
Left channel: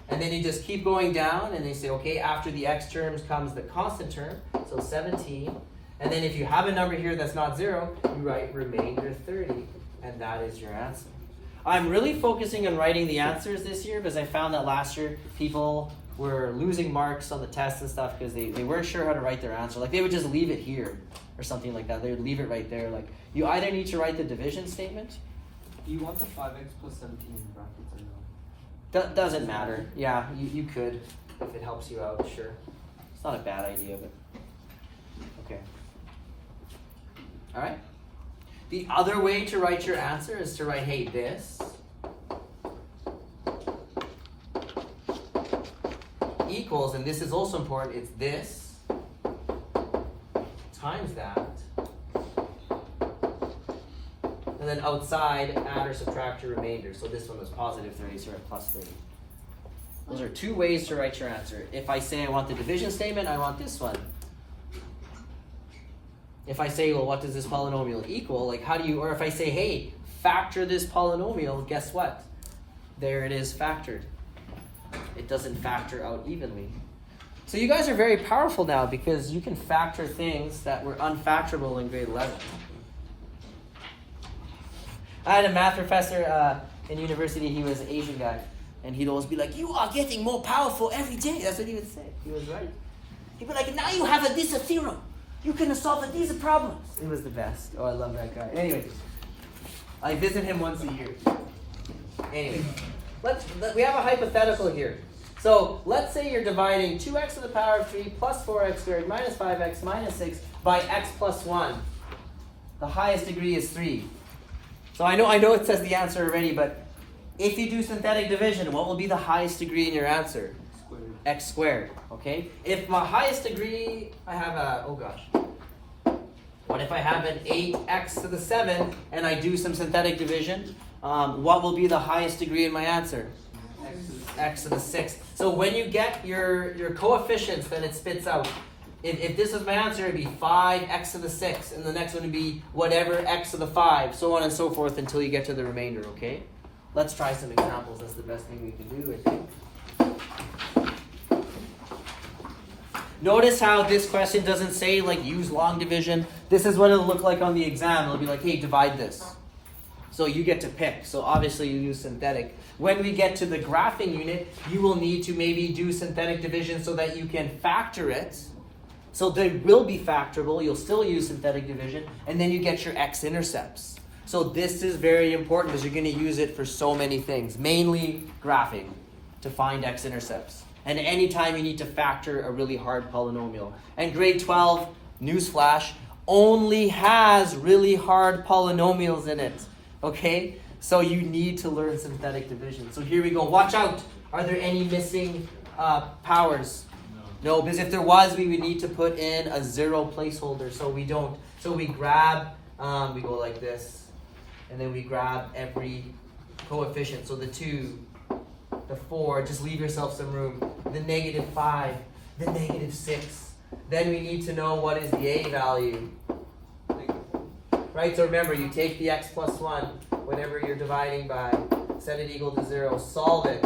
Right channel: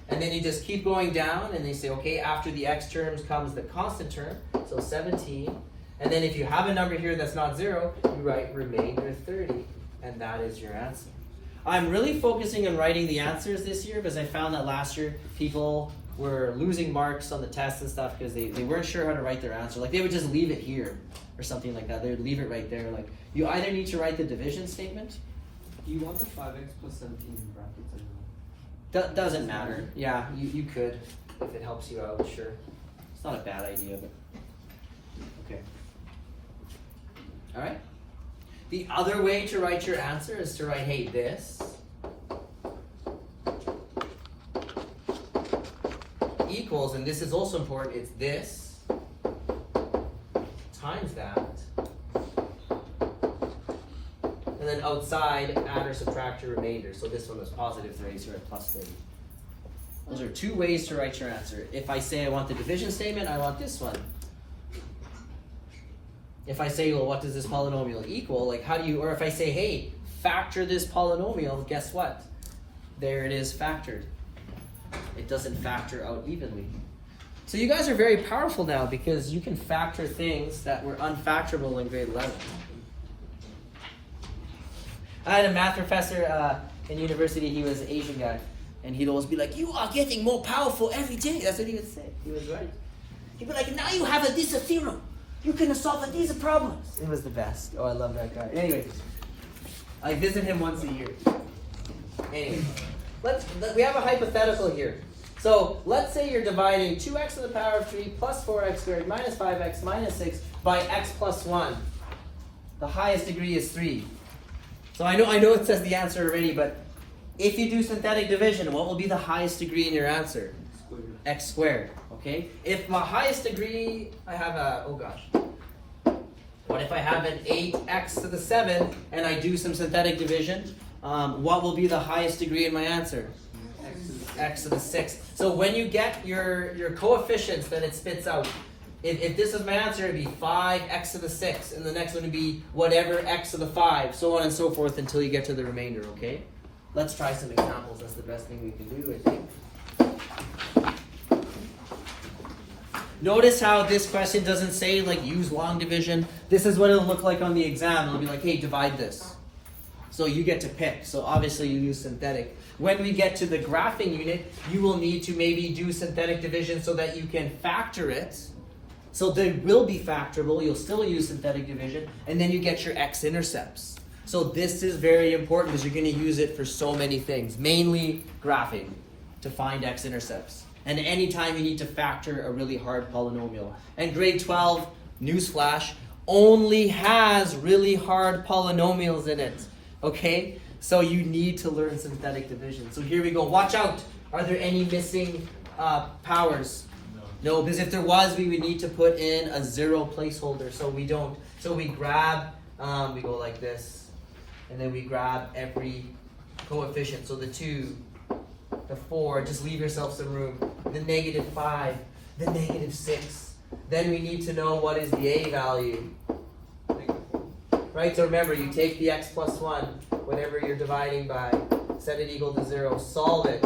And then you just keep going down, and you say, okay, after the x terms comes the constant term, so 17. And then if you have a number here that's not 0, you write remainder 30, and that is your answer. I'm really focusing on writing the answers this year because I found that last year people were losing marks on the tests and stuff because they weren't sure how to write their answer. Like they would just leave it here or something like that. They would leave it right there. Like you either need to write the division statement. Do you want the 5x plus 17 in brackets or no? Doesn't matter. Yeah, you could if it helps you out, sure. It's not a bad idea, but okay. All right. The other way to write your answer is to write, hey, this equals, and this is also important, it's this times that, and then outside add or subtract your remainder. So this one was positive 30, so we're at plus 30. Those are two ways to write your answer. If I say I want the division statement, I want this one. If I say, well, what does this polynomial equal? Like, how do you, or if I say, hey, factor this polynomial, guess what? There it is factored. It doesn't factor out evenly. So you guys are very powerful now because you can factor things that were unfactorable in grade 11. I had a math professor in university, he was an Asian guy, and he'd always be like, you are getting more powerful every day. That's what he would say. He was right. He'd be like, now you have this theorem. You can solve these problems. It was the best. Oh, I love that guy. Anyways, I visit him once a year. Anyways, we have a hypothetical here. So let's say you're dividing 2x to the power of 3 plus 4x squared minus 5x minus 6 by x plus 1. The highest degree is 3. So I know it says the answer already, but if you do synthetic division, what will be the highest degree in your answer? X squared, okay? If my highest degree, I have what if I have an 8x to the 7 and I do some synthetic division? What will be the highest degree in my answer? X to the 6. So when you get your coefficients that it spits out, if this is my answer, it would be 5x to the 6, and the next one would be whatever x to the 5, so on and so forth until you get to the remainder, okay? Let's try some examples. That's the best thing we can do, I think. Notice how this question doesn't say, like, use long division. This is what it'll look like on the exam. It'll be like, hey, divide this. So you get to pick. So obviously you use synthetic. When we get to the graphing unit, you will need to maybe do synthetic division so that you can factor it. So they will be factorable. You'll still use synthetic division. And then you get your x-intercepts. So this is very important because you're going to use it for so many things. Mainly graphing to find x-intercepts. And anytime you need to factor a really hard polynomial. And grade 12, newsflash, only has really hard polynomials in it. Okay? So you need to learn synthetic division. So here we go. Watch out. Are there any missing powers? No, because if there was, we would need to put in a 0 placeholder. So we don't. So we grab, we go like this. And then we grab every coefficient. So the 2, the 4, just leave yourself some room. The -5, the -6. Then we need to know what is the a value. Right, so remember, you take the x plus 1. whatever you're dividing by, set it equal to 0, solve it.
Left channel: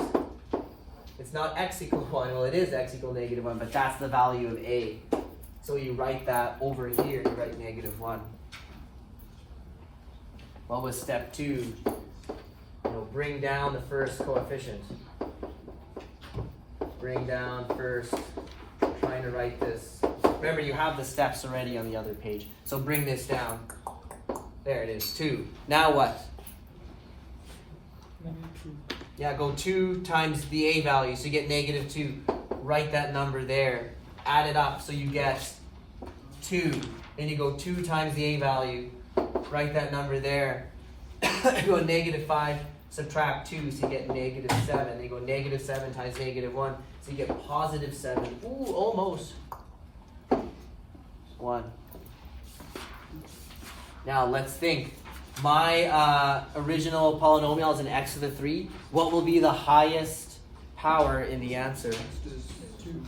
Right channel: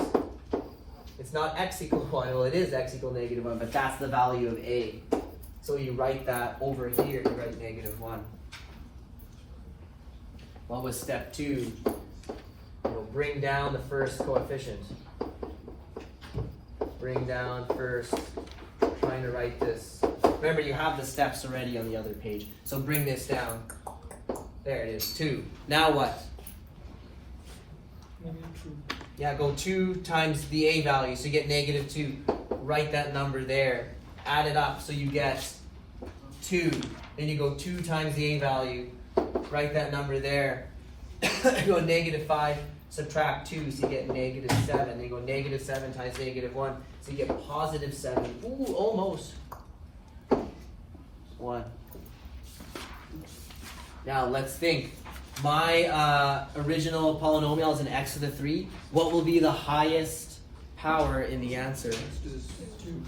It's not x equal 1, well it is x equal negative 1, but that's the value of a. So you write that over here, you write negative 1. What was step 2? Bring down the first coefficient. Bring down first, trying to write this. Remember, you have the steps already on the other page. So bring this down. There it is, 2. Now what? Yeah, go 2 times the a value, so you get negative 2. Write that number there. Add it up, so you get 2. Then you go 2 times the a value. Write that number there. Go negative 5, subtract 2, so you get negative 7. Then you go negative 7 times negative 1, so you get positive 7. Ooh, almost. 1. Now let's think. My original polynomial is an x to the 3. What will be the highest power in the answer?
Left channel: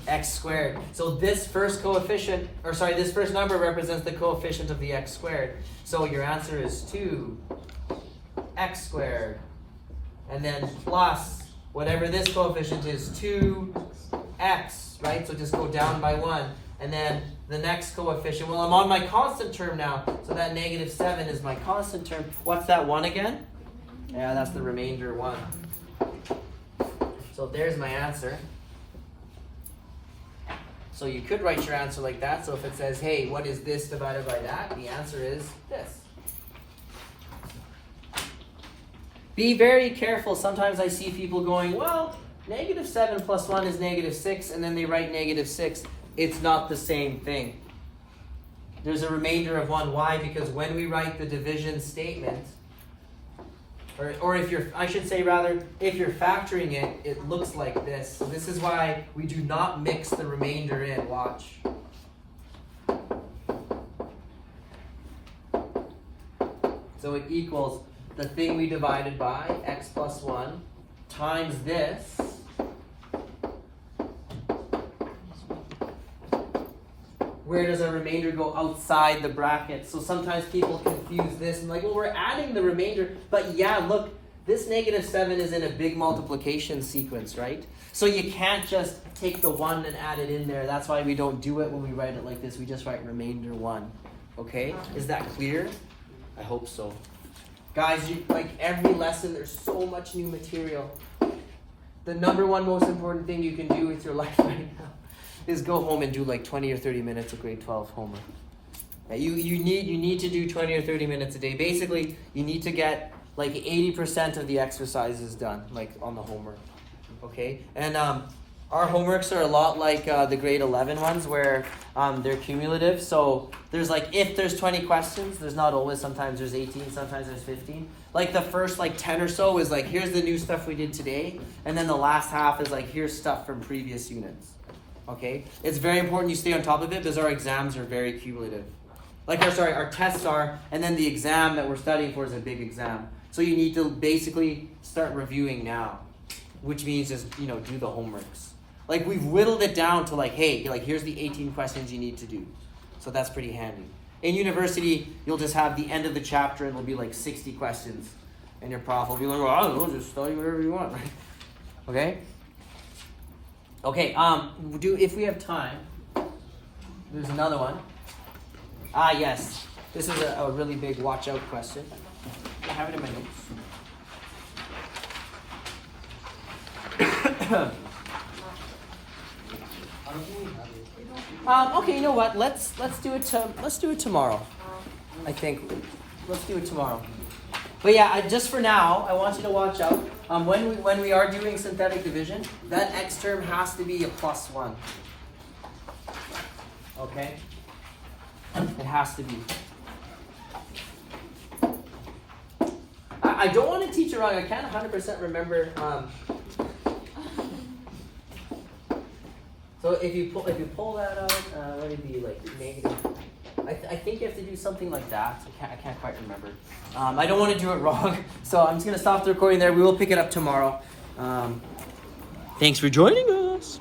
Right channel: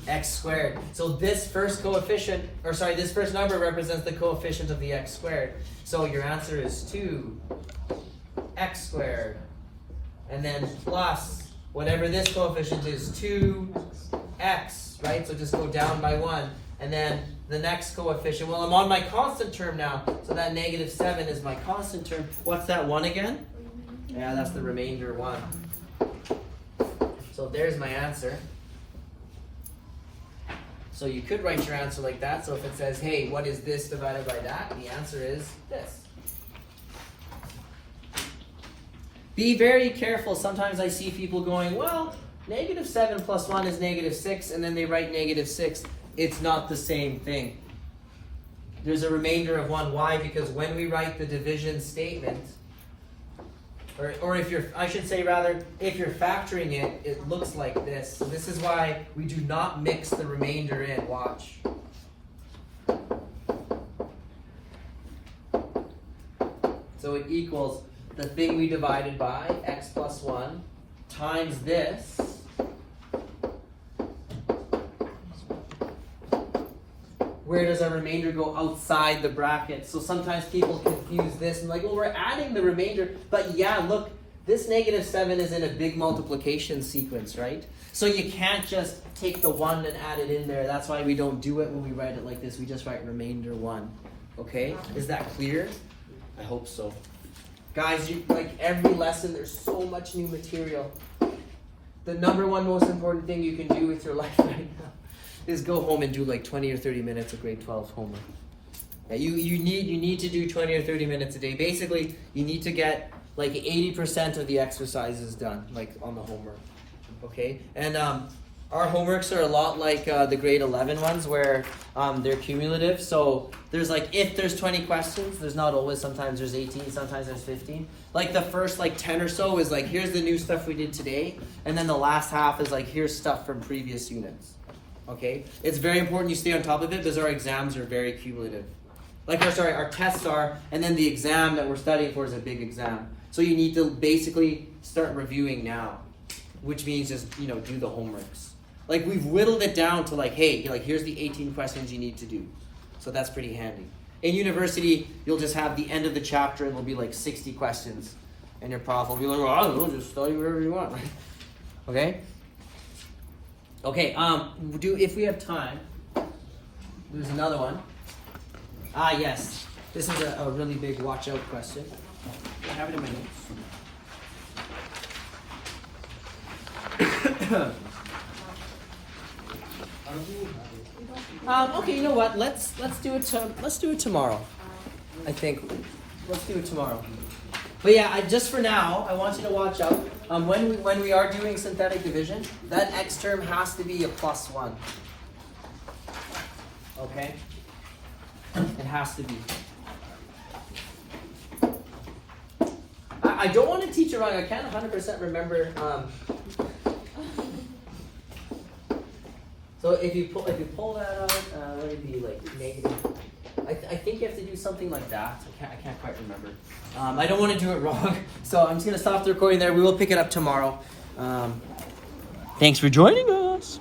X squared. So this first coefficient, or sorry, this first number represents the coefficient of the x squared. So your answer is 2 x squared. And then plus whatever this coefficient is, 2x, right? So just go down by 1. And then the next coefficient, well, I'm on my constant term now, so that negative 7 is my constant term. What's that 1 again? Yeah, that's the remainder 1. So there's my answer. So you could write your answer like that. So if it says, hey, what is this divided by that? The answer is this. Be very careful. Sometimes I see people going, well, negative 7 plus 1 is negative 6, and then they write negative 6. It's not the same thing. There's a remainder of 1. Why? Because when we write the division statement, or if you're, I should say rather, if you're factoring it, it looks like this. So this is why we do not mix the remainder in. Watch. So it equals the thing we divided by, x plus 1, times this. Where does our remainder go? Outside the bracket. So sometimes people confuse this and like, well, we're adding the remainder. But yeah, look, this negative 7 is in a big multiplication sequence, right? So you can't just take the 1 and add it in there. That's why we don't do it when we write it like this. We just write remainder 1. Okay? Is that clear? I hope so. Guys, like every lesson, there's so much new material. The number one most important thing you can do with your life right now is go home and do like 20 or 30 minutes of grade 12 homework. Yeah, you need to do 20 or 30 minutes a day. Basically, you need to get like 80% of the exercises done, like on the homework. Okay? And our homeworks are a lot like the grade 11 ones where they're cumulative. So there's like, if there's 20 questions, there's not always, sometimes there's 18, sometimes there's 15. Like the first like 10 or so is like, here's the new stuff we did today. And then the last half is like, here's stuff from previous units. Okay? It's very important you stay on top of it because our exams are very cumulative. Like our tests are, and then the exam that we're studying for is a big exam. So you need to basically start reviewing now, which means just, do the homeworks. Like we've whittled it down to like, hey, like here's the 18 questions you need to do. So that's pretty handy. In university, you'll just have the end of the chapter and there'll be like 60 questions. And your prof will be like, well, I don't know, just study whatever you want, right? Okay? Okay, if we have time, there's another one. Ah, yes. This is a really big watch out question. I have it in my notes. Okay, you know what? Let's do it tomorrow. I think let's do it tomorrow. But yeah, just for now, I want you to watch out. When we are doing synthetic division, that x term has to be a +1. Okay? It has to be. I don't want to teach it wrong. I can't 100% remember. So if you pull that out, let it be like negative. I think you have to do something like that. I can't quite remember. I don't want to do it wrong, so I'm just gonna stop the recording there. We will pick it up tomorrow. Thanks for joining us.